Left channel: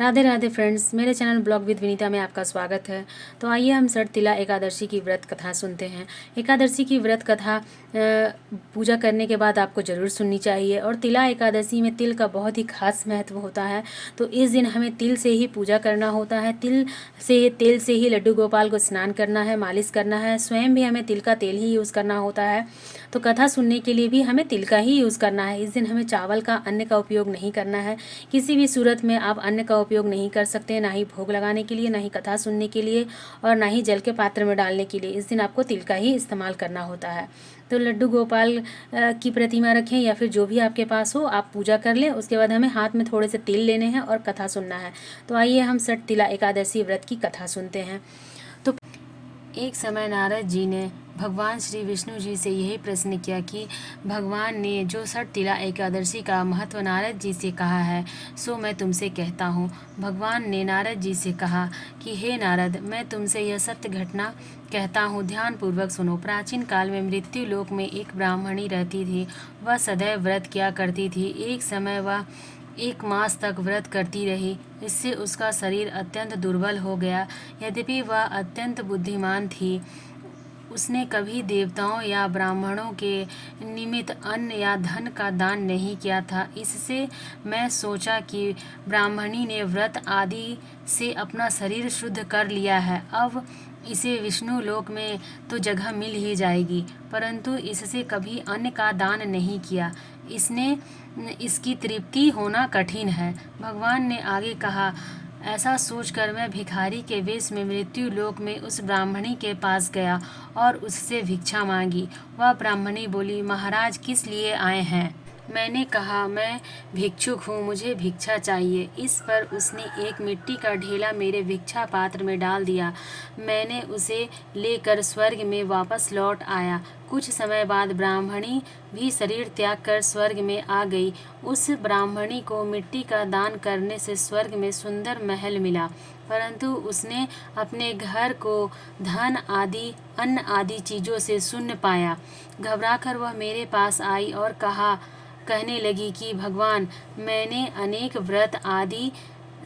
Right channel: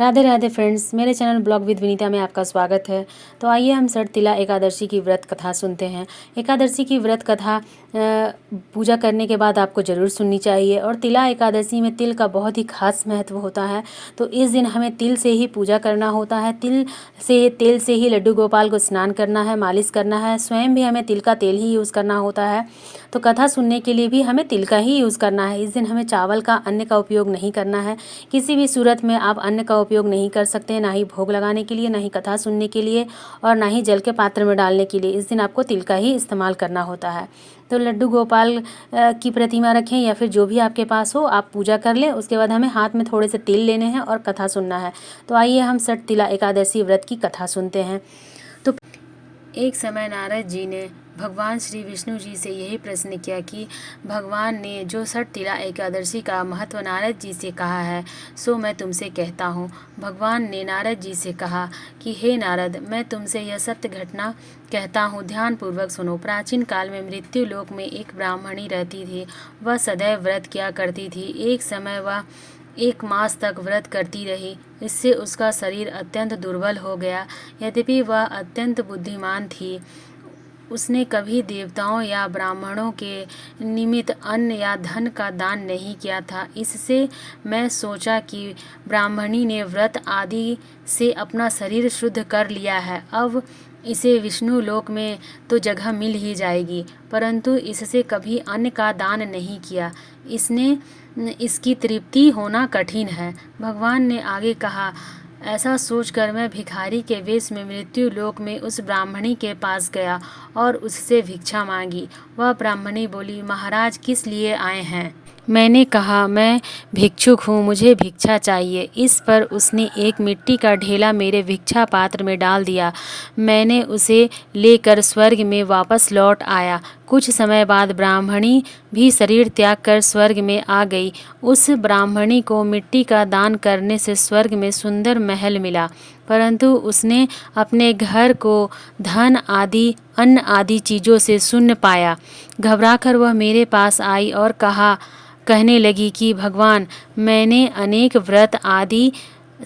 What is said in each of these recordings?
Radhe Radhe friends, मेरे channel blog with Vinita में आपका स्वागत है। तो आइए हम षठ तिला एकादशी की व्रत कथा सुनते हैं। एकादशी की व्रत कथा पूजा करने के बाद आपको ज़रूर सुननी चाहिए। और तिला एकादशी में तिल का बहुत ही खास महत्व होता है। तो इस दिन हमें तिल से ही पूजा करना होता है। तेल से ही लड्डू गोपाल को स्नान करना है, मालिश करना है। स्वयं भी हमें तिल का तेल ही यूज़ करना होता है। तो कथा सुनने के लिए भी हमें तिल का ही यूज़ करना है। इस दिन हमें चावल का, अन्न का उपयोग नहीं करना है। किसी भी सूरत में आप अन्न का उपयोग नहीं कर सकते, ना ही भोग लगाने के लिए, ना ही कथा सुनने के लिए, और ना ही जल के पात्र में डालने के लिए। इस दिन आपको तिल का ही इस्तेमाल करना होता है। तो लड्डू गोपाल की प्रतिमा रखें या फिर जो भी आपके पास हो, आप पूजा कर लें। उसके बाद हमें हाथ में थोड़े से तिल लेने हैं और कथा सुनना है। तो आइए हम षठ तिला एकादशी व्रत की कथा सुनते हैं। तो एक समय नारद जी ने भगवान श्री विष्णु जी से यही प्रश्न किया कि भगवान ने जो षठ तिला एकादशी का महत्व नारद जी से कहा है, सो मैं तुमसे कहता हूँ। भगवान ने नारद जी से कहा कि हे नारद, मैं तुमसे यह सत्य घटना कहता हूँ, ध्यानपूर्वक सुनो। प्राचीन काल में मृत्यु लोक में एक ब्राह्मणी रहती थी। वह सदैव व्रत किया करती थी। एक समय वह 1 मास तक व्रत करती रही। इससे उसका शरीर अत्यंत दुर्बल हो गया। यद्यपि वह अत्यंत बुद्धिमान थी, उसने कभी देवताओं या ब्राह्मणों के निमित्त अन्न या धन का दान नहीं किया था। इससे मैं सोचा कि ब्राह्मणी ने व्रत आदि से अपना शरीर शुद्ध कर लिया है, अब इसे विष्णु लोक में तो जगह मिल ही जाएगी। परंतु इससे कभी अन्न का दान नहीं किया, इसकी तृप्ति होना कठिन है। भगवान ने आगे कहा, ऐसा सोचकर मैं भिखारी के वेश में मृत्यु लोक में उस ब्राह्मणी के पास गया और उससे भिक्षा मांगी। वह ब्राह्मणी बोली, महाराज किस लिए आए हैं? मैंने कहा, मैं भिक्षुक हूँ, मुझे भिक्षा चाहिए। इस पर उसने एक मिट्टी का ढेला मेरे भिक्षा पात्र में डाल दिया। मैंने उसे लेकर स्वर्ग में वापस लौट आया। कुछ समय बाद ब्राह्मणी भी शरीर त्याग कर स्वर्ग में आ गई। उस ब्राह्मणी को मिट्टी का दान करने से स्वर्ग में सुंदर महल मिला, परंतु उसने अपने घर को धन आदि, अन्न आदि चीज़ों से शून्य पाया। घबराकर वह मेरे पास आई और कहने लगी कि भगवान, मैंने अनेक व्रत आदि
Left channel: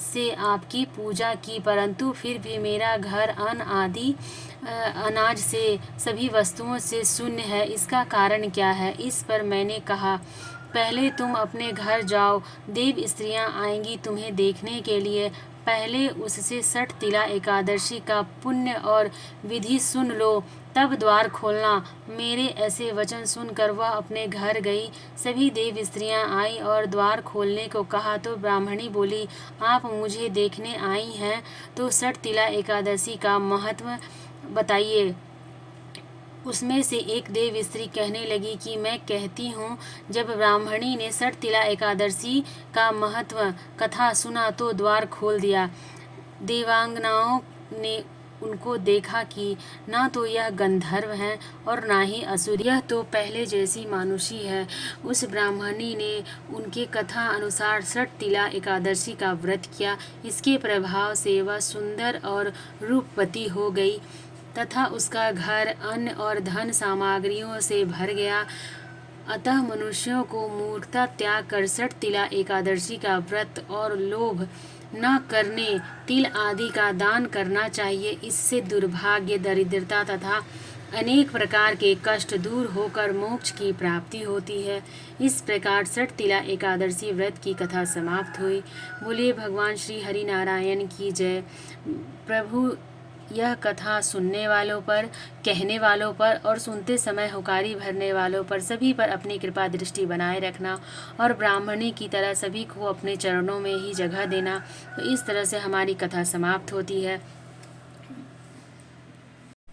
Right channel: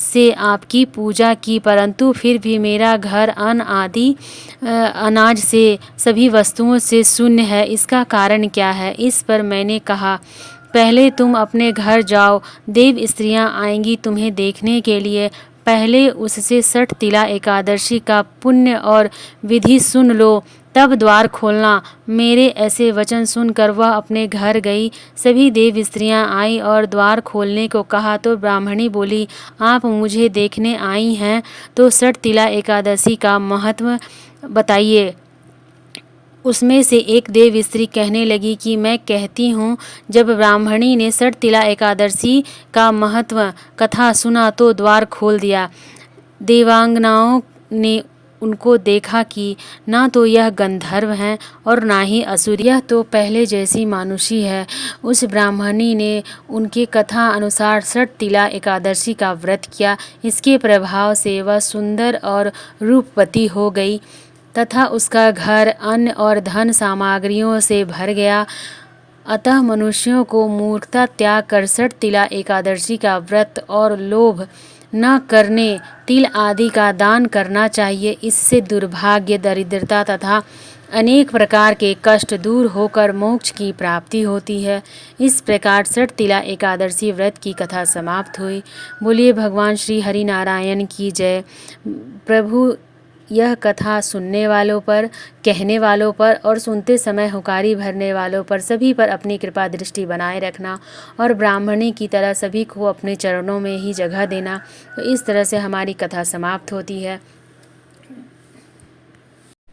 से आपकी पूजा की, परंतु फिर भी मेरा घर अन्न आदि अनाज से, सभी वस्तुओं से शून्य है। इसका कारण क्या है? इस पर मैंने कहा, पहले तुम अपने घर जाओ, देव स्त्रियां आएंगी तुम्हें देखने के लिए। पहले उससे षठ तिला एकादशी का पुण्य और विधि सुन लो, तब द्वार खोलना। मेरे ऐसे वचन सुनकर वह अपने घर गई। सभी देव स्त्रियां आई और द्वार खोलने को कहा तो ब्राह्मणी बोली, आप मुझे देखने आई हैं तो षठ तिला एकादशी का महत्व बताइए। उसमें से एक देव स्त्री कहने लगी कि मैं कहती हूँ, जब ब्राह्मणी ने षठ तिला एकादशी का महत्व कथा सुना तो द्वार खोल दिया। देवांगनाओं ने उनको देखा कि ना तो यह गंधर्व हैं और ना ही असुर, यह तो पहले जैसी मानुषी है। उस ब्राह्मणी ने उनके कथा अनुसार षठ तिला एकादशी का व्रत किया। इसके प्रभाव से वह सुंदर और रूपवती हो गई तथा उसका घर अन्न और धन सामग्रियों से भर गया। अतः मनुष्यों को मूर्खता त्याग कर षठ तिला एकादशी का व्रत और लोभ न करने तिल आदि का दान करना चाहिए। इससे दुर्भाग्य, दरिद्रता तथा अनेक प्रकार के कष्ट दूर होकर मोक्ष की प्राप्ति होती है। इस प्रकार षठ तिला एकादशी व्रत की कथा समाप्त हुई। बोलिए भगवान श्री हरि नारायण की जय। प्रभु यह कथा सुनने वालों पर, कहने वालों पर और सुनते समय हुकारी भरने वालों पर सभी पर अपनी कृपा दृष्टि बनाए रखना और ब्राह्मणी की तरह सभी को अपने चरणों में ही जगह देना। तो इस तरह से हमारी कथा समाप्त होती है।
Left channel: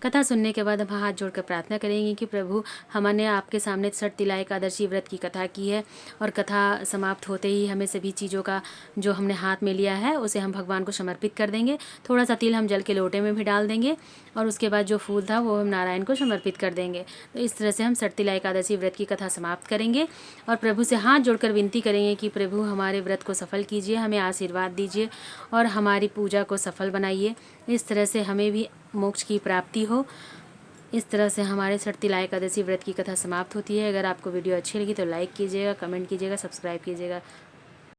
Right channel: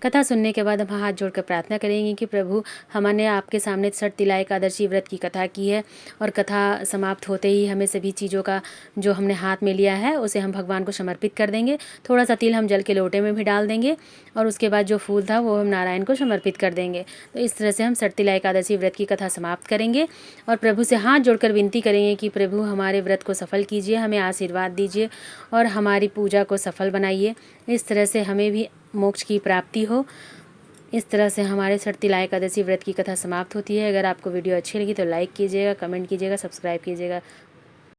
कथा सुनने के बाद हम हाथ जोड़कर प्रार्थना करेंगे कि प्रभु, हमने आपके सामने षठ तिला एकादशी व्रत की कथा की है और कथा समाप्त होते ही हमें सभी चीज़ों का जो हमने हाथ में लिया है उसे हम भगवान को समर्पित कर देंगे। थोड़ा सा तिल हम जल के लोटे में भी डाल देंगे और उसके बाद जो फूल था वो हम नारायण को समर्पित कर देंगे। तो इस तरह से हम षठ तिला एकादशी व्रत की कथा समाप्त करेंगे और प्रभु से हाथ जोड़कर विनती करेंगे कि प्रभु, हमारे व्रत को सफल कीजिए, हमें आशीर्वाद दीजिए और हमारी पूजा को सफल बनाइए। इस तरह से हमें भी मोक्ष की प्राप्ति हो। इस तरह से हमारे षठ तिला एकादशी व्रत की कथा समाप्त होती है। अगर आपको वीडियो अच्छी लगी तो लाइक कीजिएगा, कमेंट कीजिएगा, सब्सक्राइब कीजिएगा।